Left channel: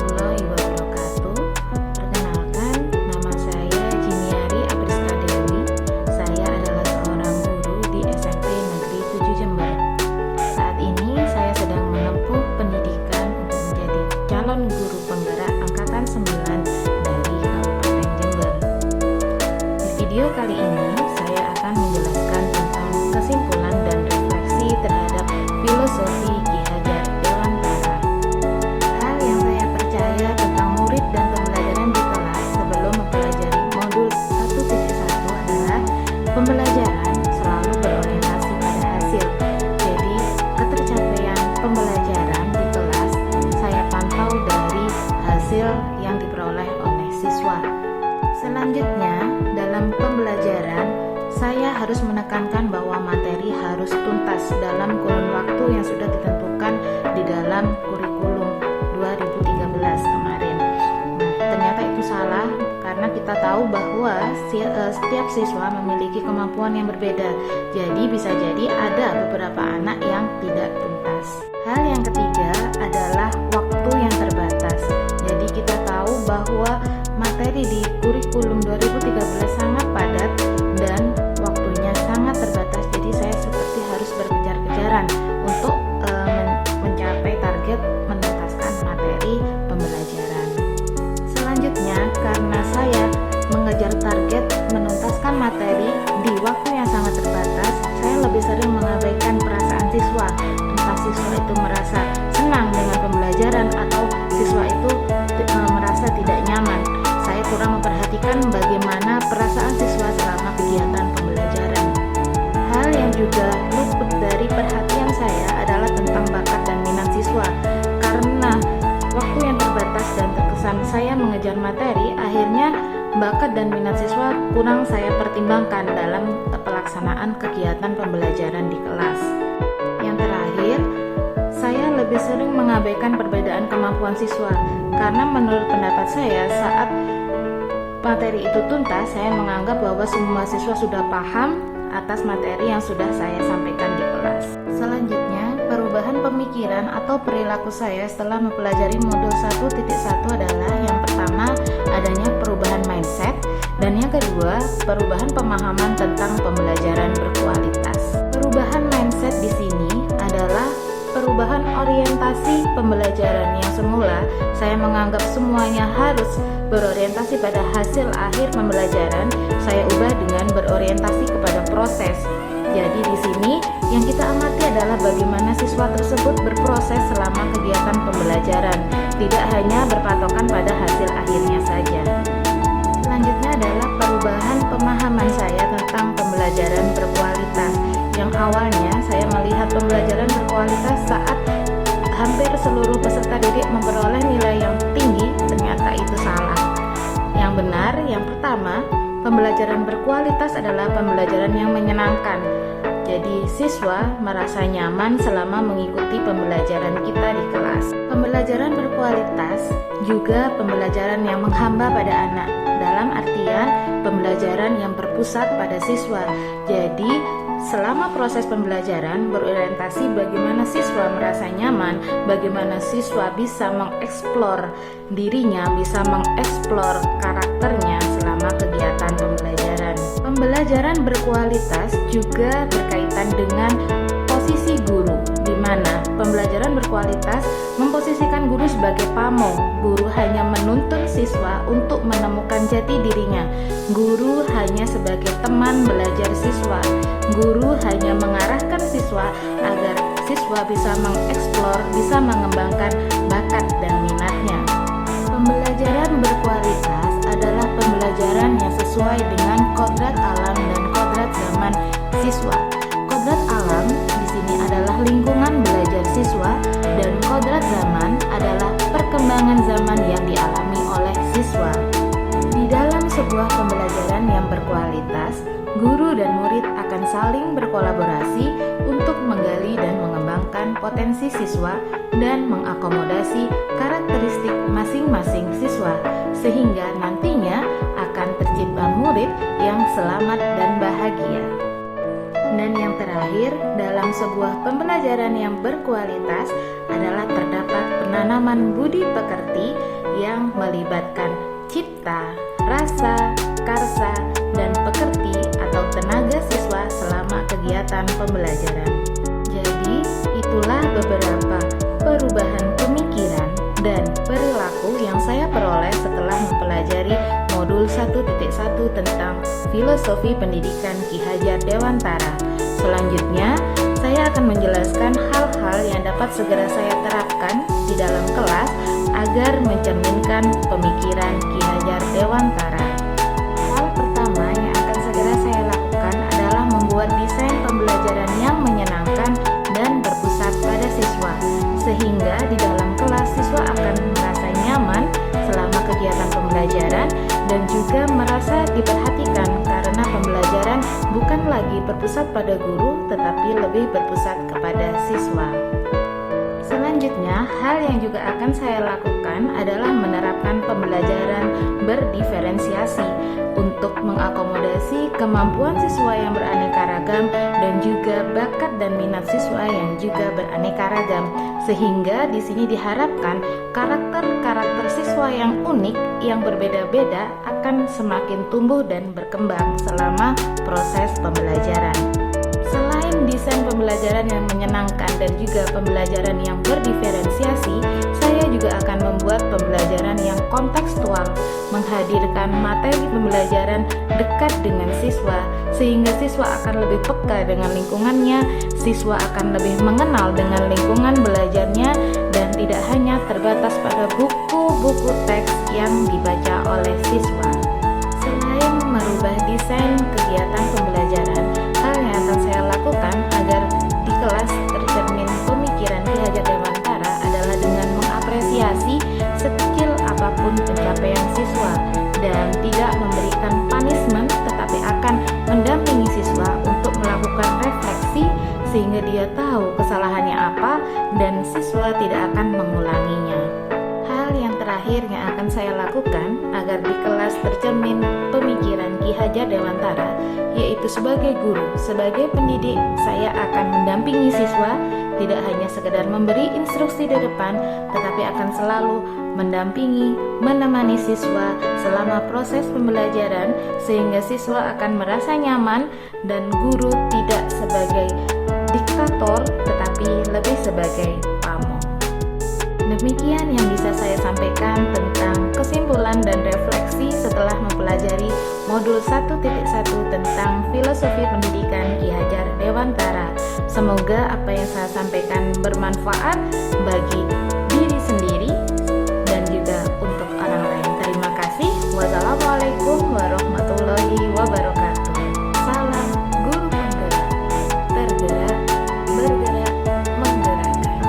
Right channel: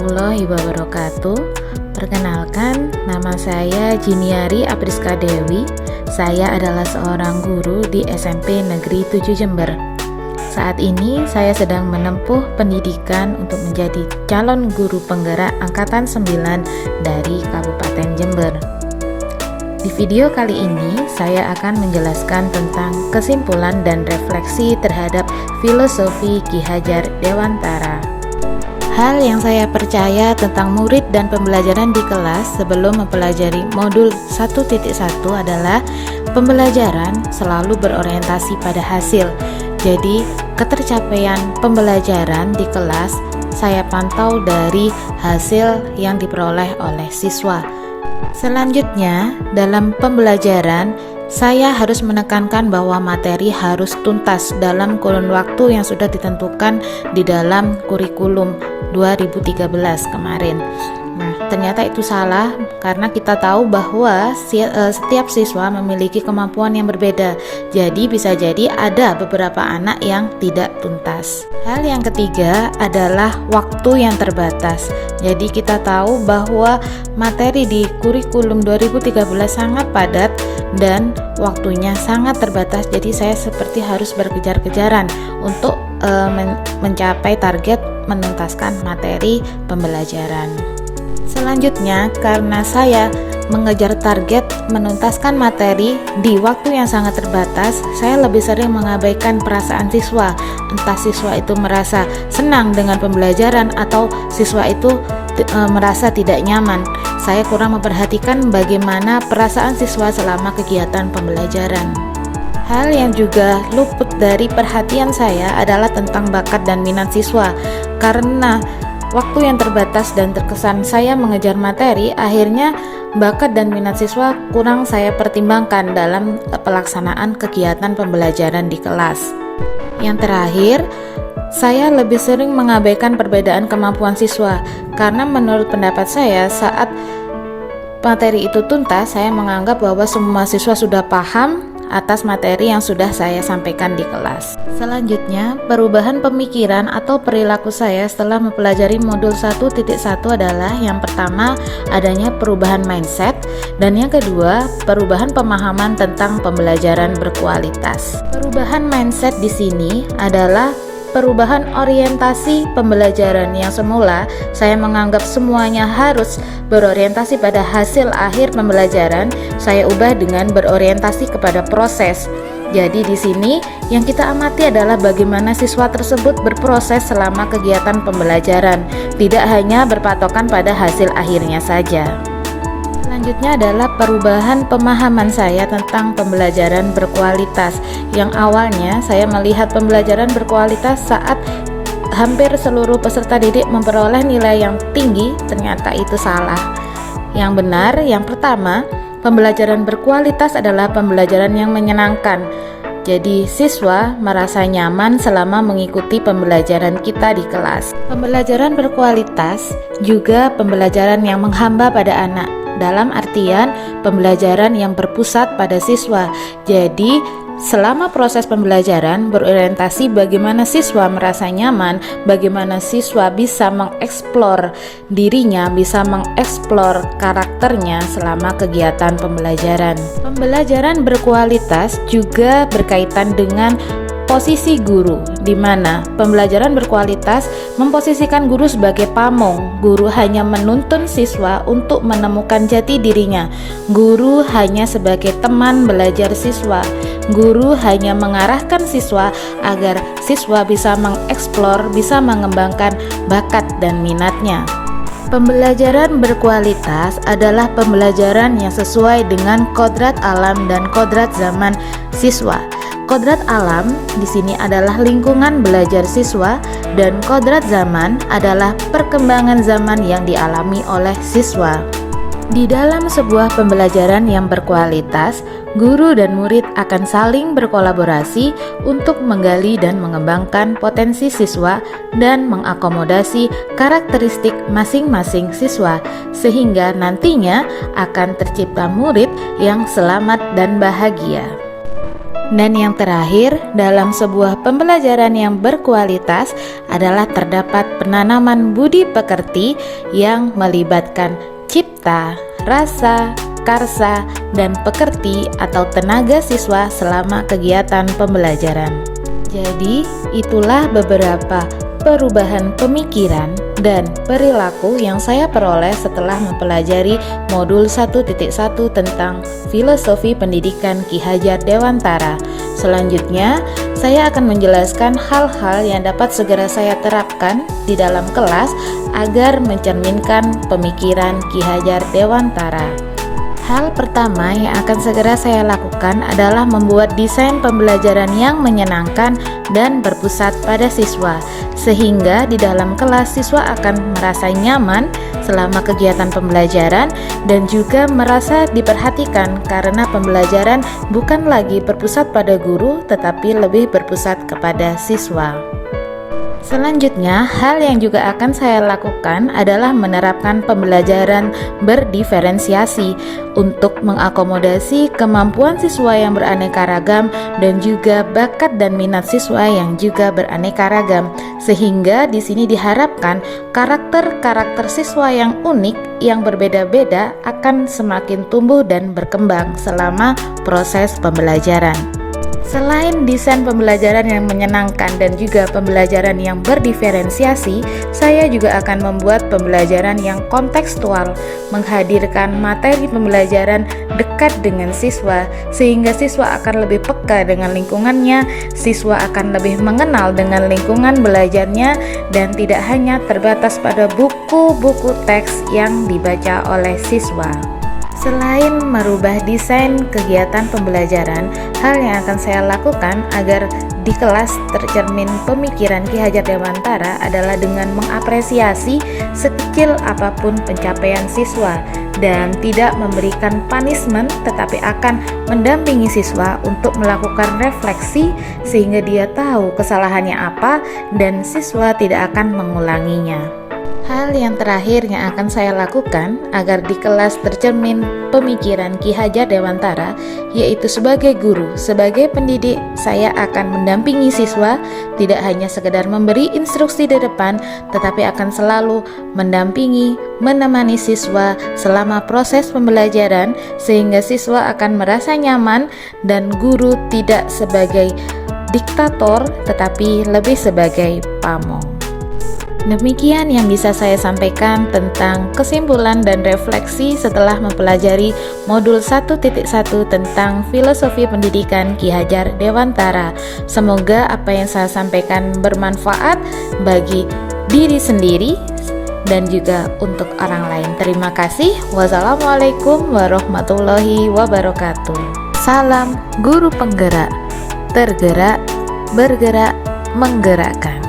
warahmatullahi wabarakatuh. Perkenalkan, nama saya Jiniari Apriska Dewi. Saya adalah seorang guru di SMP Negeri 7 Jember. Saat ini saya sedang menempuh pendidikan untuk menjadi calon guru penggerak angkatan 9 dari Kabupaten Jember. Di video kali ini saya akan menjelaskan tentang kesimpulan dan refleksi terhadap filosofi Ki Hajar Dewantara. Hal yang saya percaya tentang murid dan pembelajaran di kelas sebelum mempelajari modul 1.1 adalah pembelajaran selalu berorientasi pada hasil. Jadi, ketercapaian pembelajaran di kelas saya pantau dari hasil yang diperoleh oleh siswa. Selanjutnya, dalam pembelajaran, saya harus menekankan bahwa materi harus tuntas dalam kurun waktu yang sudah ditentukan di dalam kurikulum 2013 kemarin. Nah, ternyata itu salah karena kita tahu bahwa setiap siswa memiliki kemampuan yang berbeda. Jadi bisa jadi ada beberapa anak yang tidak tuntas. Hal yang ketiga adalah waktu yang terbatas. Jadi kita tahu bahwa materi di kurikulum 2013 sangat padat dan waktunya sangat terbatas. Jadi saya seperti harus berkejar-kejaran untuk mencapai target menuntaskan materi pembelajaran. Selanjutnya, karena saya mengejar target menuntaskan materi di waktu yang sangat terbatas, saya lebih sering mengabaikan perasaan siswa. Entah siswa itu merasa senang dengan pembelajaran atau siswa itu merasa tidak nyaman. Saya kurang memperhatikan bagaimana perasaan siswa selama kegiatan pembelajaran. Hal yang juga luput dari perhatian saya adalah tentang bakat dan minat siswa. Karena waktu yang terbatas dan terkesan saya mengejar materi, akhirnya bakat dan minat siswa kurang saya pertimbangkan dalam pelaksanaan kegiatan pembelajaran di kelas. Yang terakhir, saya lebih sering mengabaikan perbedaan kemampuan siswa. Karena menurut pendapat saya, saat materi itu tuntas, saya menganggap bahwa semua siswa sudah paham atas materi yang sudah saya sampaikan di kelas. Selanjutnya, perubahan pemikiran atau perilaku saya setelah mempelajari modul 1.1 adalah yang pertama, adanya perubahan mindset, dan yang kedua, perubahan pemahaman tentang pembelajaran berkualitas. Perubahan mindset di sini adalah perubahan orientasi pembelajaran. Yang semula saya menganggap semuanya harus berorientasi pada hasil akhir pembelajaran, saya ubah dengan berorientasi kepada proses. Jadi di sini yang kita amati adalah bagaimana siswa tersebut berproses selama kegiatan pembelajaran, tidak hanya berpatokan pada hasil akhirnya saja. Selanjutnya adalah perubahan pemahaman saya tentang pembelajaran berkualitas. Yang awalnya saya melihat pembelajaran berkualitas saat hampir seluruh peserta didik memperoleh nilai yang tinggi, ternyata itu salah. Yang benar, yang pertama, pembelajaran berkualitas adalah pembelajaran yang menyenangkan. Jadi siswa merasa nyaman selama mengikuti pembelajaran kita di kelas. Pembelajaran berkualitas juga pembelajaran yang menghamba pada anak. Dalam artian pembelajaran yang berpusat pada siswa. Jadi selama proses pembelajaran berorientasi bagaimana siswa merasa nyaman, bagaimana siswa bisa mengeksplor dirinya, bisa mengeksplor karakternya selama kegiatan pembelajaran. Pembelajaran berkualitas juga berkaitan dengan posisi guru, di mana pembelajaran berkualitas memposisikan guru sebagai pamong. Guru hanya menuntun siswa untuk menemukan jati dirinya. Guru hanya sebagai teman belajar siswa. Guru hanya mengarahkan siswa agar siswa bisa mengeksplor, bisa mengembangkan bakat dan minatnya. Pembelajaran berkualitas adalah pembelajaran yang sesuai dengan kodrat alam dan kodrat zaman siswa. Kodrat alam di sini adalah lingkungan belajar siswa dan kodrat zaman adalah perkembangan zaman yang dialami oleh siswa. Di dalam sebuah pembelajaran yang berkualitas, guru dan murid akan saling berkolaborasi untuk menggali dan mengembangkan potensi siswa dan mengakomodasi karakteristik masing-masing siswa, sehingga nantinya akan tercipta murid yang selamat dan bahagia. Dan yang terakhir, dalam sebuah pembelajaran yang berkualitas adalah terdapat penanaman budi pekerti yang melibatkan cipta, rasa, karsa, dan pekerti atau tenaga siswa selama kegiatan pembelajaran. Jadi, itulah beberapa perubahan pemikiran dan perilaku yang saya peroleh setelah mempelajari modul 1.1 tentang filosofi pendidikan Ki Hajar Dewantara. Selanjutnya, saya akan menjelaskan hal-hal yang dapat segera saya terapkan di dalam kelas agar mencerminkan pemikiran Ki Hajar Dewantara. Hal pertama yang akan segera saya lakukan adalah membuat desain pembelajaran yang menyenangkan dan berpusat pada siswa, sehingga di dalam kelas siswa akan merasa nyaman selama kegiatan pembelajaran dan juga merasa diperhatikan karena pembelajaran bukan lagi berpusat pada guru tetapi lebih berpusat kepada siswa. Selanjutnya, hal yang juga akan saya lakukan adalah menerapkan pembelajaran berdiferensiasi untuk mengakomodasi kemampuan siswa yang beraneka ragam dan juga bakat dan minat siswa yang juga beraneka ragam. Sehingga di sini diharapkan karakter-karakter siswa yang unik yang berbeda-beda akan semakin tumbuh dan berkembang selama proses pembelajaran. Selain desain pembelajaran yang menyenangkan dan juga pembelajaran yang berdiferensiasi, saya juga akan membuat pembelajaran yang kontekstual, menghadirkan materi pembelajaran dekat dengan siswa, sehingga siswa akan lebih peka dengan lingkungannya, siswa akan lebih mengenal dengan lingkungan belajarnya, dan tidak hanya terbatas pada buku-buku teks yang dibaca oleh siswa. Selain merubah desain kegiatan pembelajaran, hal yang akan saya lakukan agar di kelas tercermin pemikiran Ki Hajar Dewantara adalah dengan mengapresiasi sekecil apapun pencapaian siswa dan tidak memberikan punishment, tetapi akan mendampingi siswa untuk melakukan refleksi sehingga dia tahu kesalahannya apa dan siswa tidak akan mengulanginya. Hal yang terakhir yang akan saya lakukan agar di kelas tercermin pemikiran Ki Hajar Dewantara, yaitu sebagai guru, sebagai pendidik, saya akan mendampingi siswa, tidak hanya sekedar memberi instruksi di depan, tetapi akan selalu mendampingi, menemani siswa selama proses pembelajaran, sehingga siswa akan merasa nyaman dan guru tidak sebagai diktator, tetapi lebih sebagai pamong. Demikian yang bisa saya sampaikan tentang kesimpulan dan refleksi setelah mempelajari modul 1.1 tentang filosofi pendidikan Ki Hajar Dewantara. Semoga apa yang saya sampaikan bermanfaat bagi diri sendiri dan juga untuk orang lain. Terima kasih. Wassalamualaikum warahmatullahi wabarakatuh. Salam guru penggerak, tergerak, bergerak, menggerakkan.